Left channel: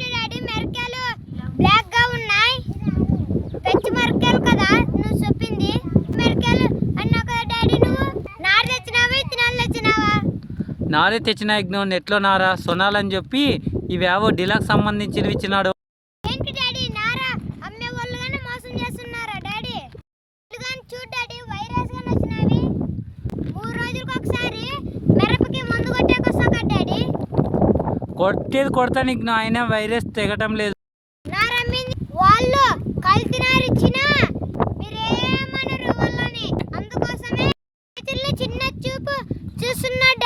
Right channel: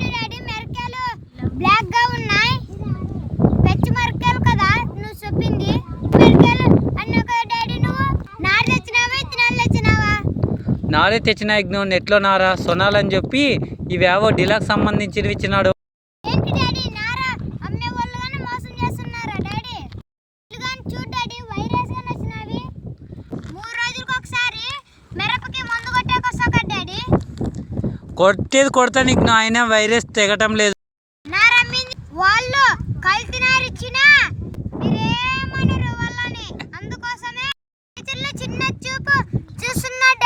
ఏంటి డాడీ? మిరకాయలు బ్లాక్గా ఉన్నాయి. పెంచి మిరకాయలు కదా నువ్వు చెప్పింది. మిరకాయలు అన్నావు కదా డాడీ నువ్వు. నారు తెచ్చినావా? ఇత్తనాలు తెచ్చినావా? నారే తెచ్చిన యజ్ఞం నెట్లో నారా? సొనాలని చెప్పి ఇవేవో డిలాక్ సంబంధించినవి ఇచ్చినాడు. ఏంటి డాడీ? కొట్టేది కొడతా నీకు ఆయన వైరస్ తెగటం లేదు. వాళ్ళు వాళ్ళని? అందుకోసమే చిన్న చూపు చూస్తున్నారు